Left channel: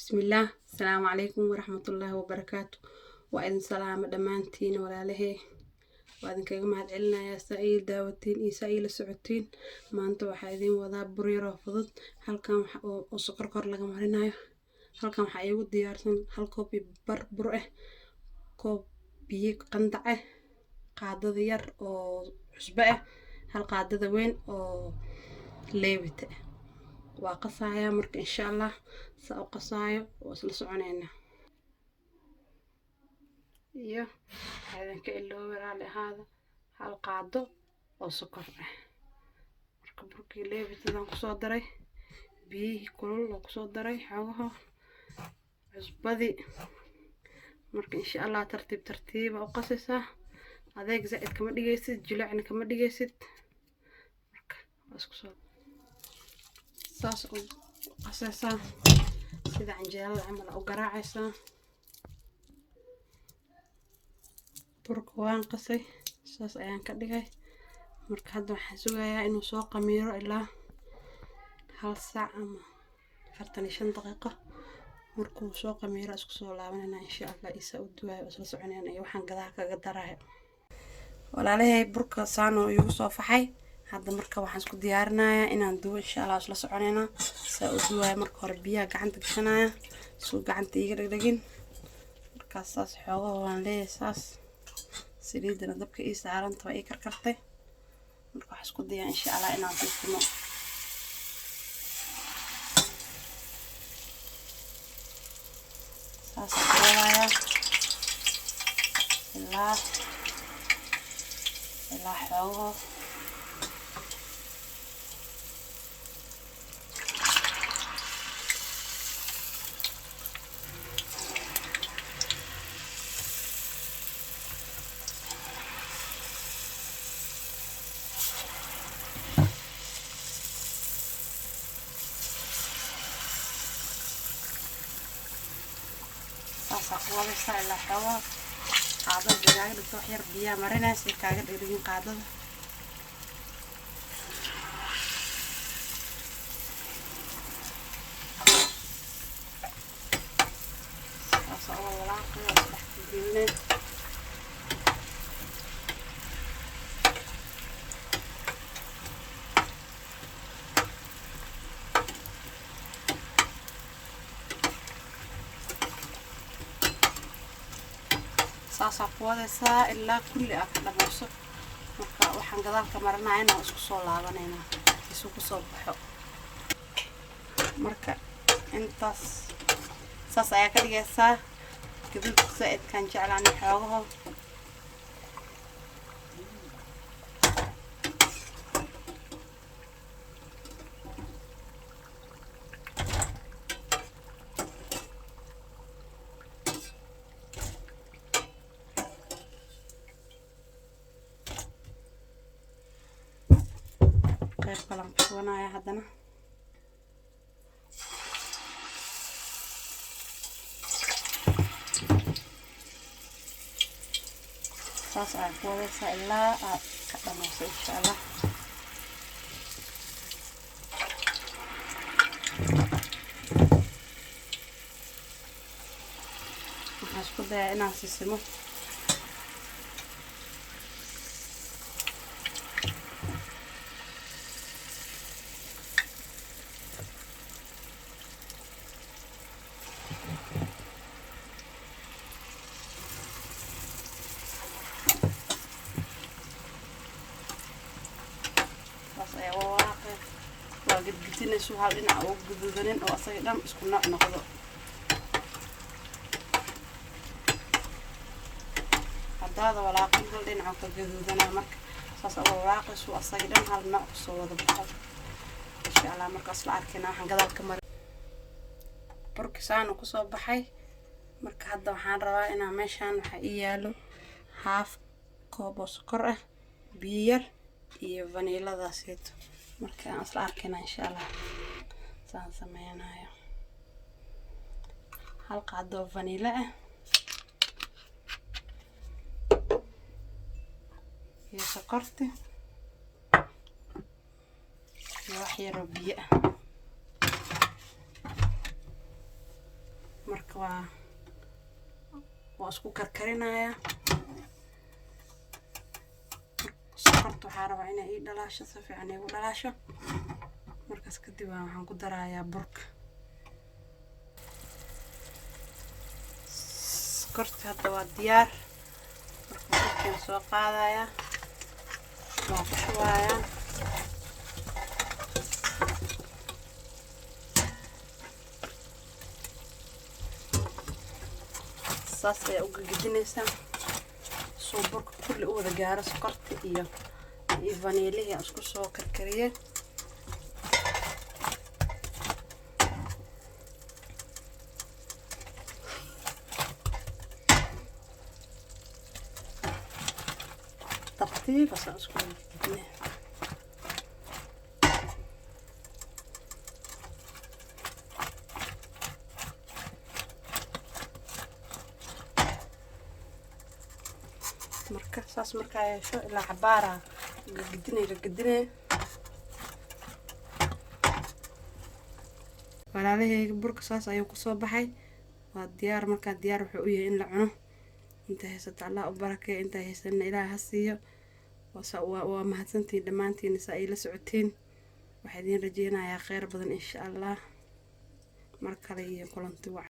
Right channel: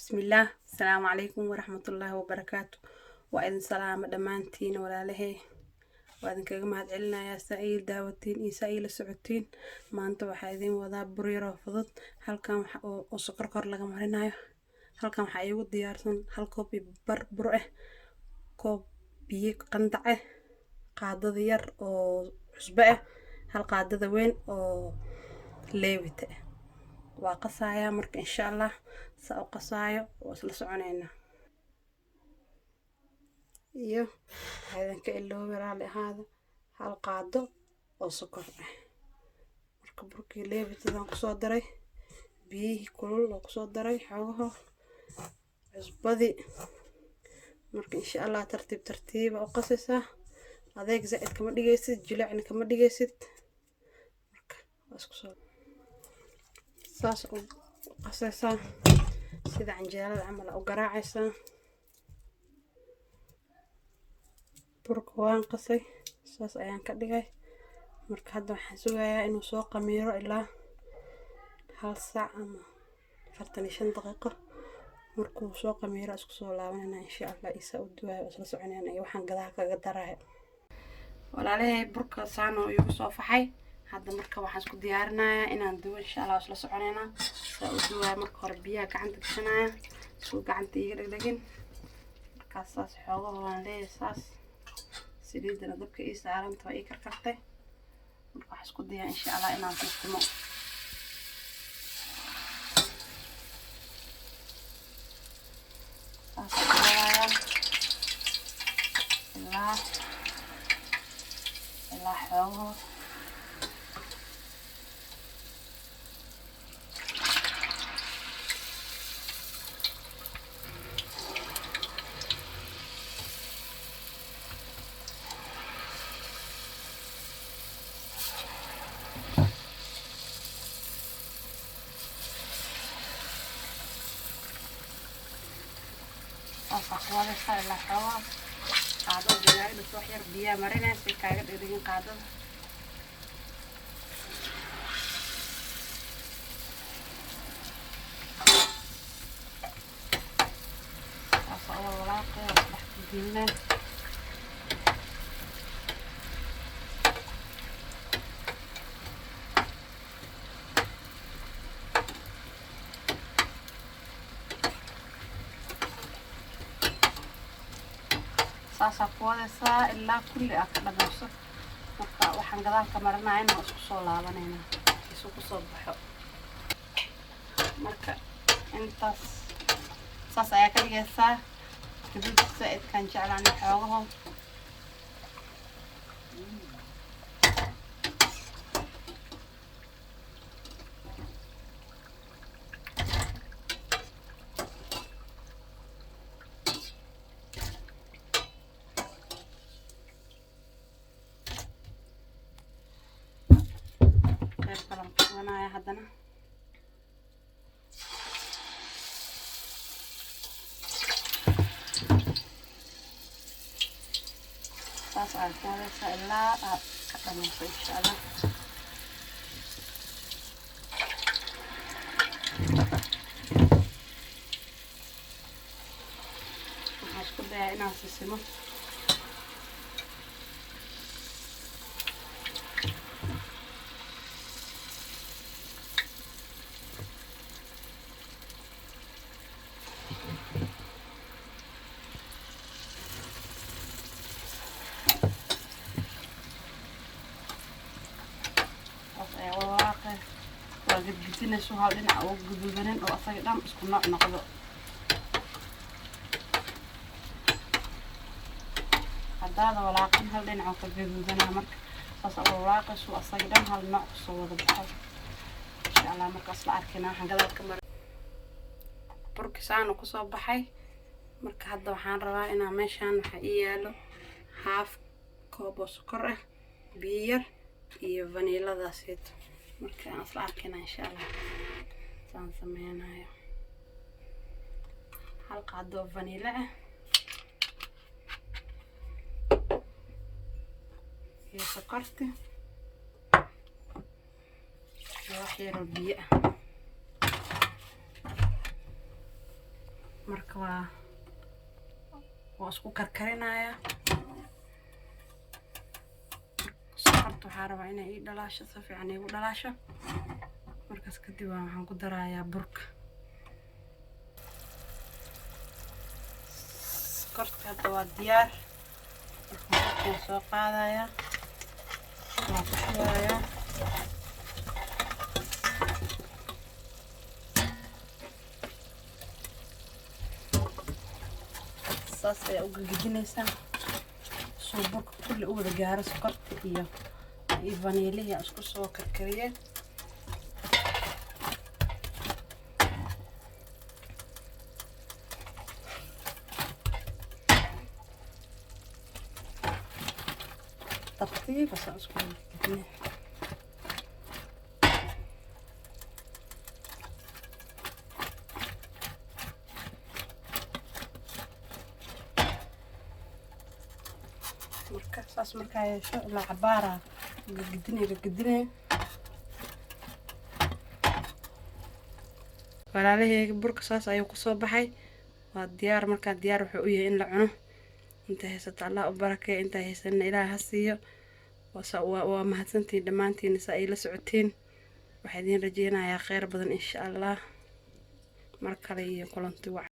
بسم الله. السلام عليكم ورحمة الله وبركاته. وإذن سلام دمانتين ولا له وإذن كجماعة علنا يا سعيد داوتين إسائيل سعودين ما أنتوا حايدين وذا بري رافضت هل كان وسكر كر لقى مرينا هل كان حيود ديارسن هل كوبي بربره كوبي قندعه قاعدة ديار أو عشبة هل قاعدة وين أو ليبته وقصايا مرك إن شاء الله سأقصايا وصل سعنينا iyo waxaan iloobi hada hal qaado oo sokor ah marka burkii leebitadan ku soo daray biyihii kulul oo ku soo daray xawaha cusbadi marka insha Allah tartiib tartiib oo qasaysa adeeg zaid kama dhigaysid jilicna kama dhigaysid marka isku soo saas oo qasaysa sida canjeelada camal oo garaacaysa burka waan qasay saas ayaan ka dhigay marka hadda waxaan sugayaa inuu soo qamiiro ilaa hal saac ama 45 daqiiqo markuu soo qamiiro isku soo laabanayna insha Allah isa u duwaayo isla soconayna iyo waxaan gadaha kaga darayo walaalahay burka saan oo igu soo faxay hadda marka waxaan isku diyaarinayaa inaan duwo insha Allah isla soconayna saa u duwaayo marka hore biyaha gacanta gashanaya soo gacanta iga dhagdhagin markaas saas xoogo waan leeyahay saas saliidana dabka ii saaranta way karkartay marka wax isku dayaa insha Allah inaan tuumo saas walaaya ilaa xoogo وهذا صار له حوا قاعدة جناي بتوحير بيا مرينا سكاجة درين قاعدة أصلا ولاقة بحكي saasa kuwadaysa ilaa kulli ah ka dhamayso marka waxaan gadaalka marinaayna isku soo laabanayna isugu soo baxo marka intaas saas ayaa ka dhigaysaa kadib zaid kan jeclaan xoogo ونايا هذنا صاص الكوري سألا كتموس إن شاء الله هشكو ده ناس يسمو سو هالدين أو جدودين أو أصلا مش كنا نقدر هذا ولاقين هالدين أو جدودين مرك صاص ولاقة سو أصلا هالنقص وهذا بحال إن شاء الله مرك أصلا أركنا هنقدر كمر بركسان وقصة بحي مرك هذا وحان رواينا مشان حقيقة هاف كوب سكر بير iyo vanilla seeto marka aan isla arkayna insha Allah saan sameeynayo hal qaado vanilla ah iyo sokorta iyo wax yar oo biyo ah marka waa isku karkarinayaa. sokorta waxaa rabaa inay ii dhalaasho si fiican iigu dhalaasho. markaas kadib waxaan ku darayaa burka. sokorta hadda waa diyaar. markaan soo qaadayaa waan ku shubayaa. saas ayaa u gagidinaysaa soo burka kulli u wada gaaro sokorta iyo vanilihii aan isku soo karkariyay. tartiib asaan isku gagidinay. marka saas markaa yeesho ilaa cabaara gagidinay. walaalahayga burka saas ayuu kusoo baxay. waa diyaar. markaa diyaar wuxuu u yahay in la cuno. inta haysato Allah u barakeeyo, inta haysanna Ilaahay ha siiyo. waa mahadsantiin dhammaantiin saa ay la socotiin. waxaan idin rajeynayaa khayr badan insha Allah. mar kale iyo kulanti wacan.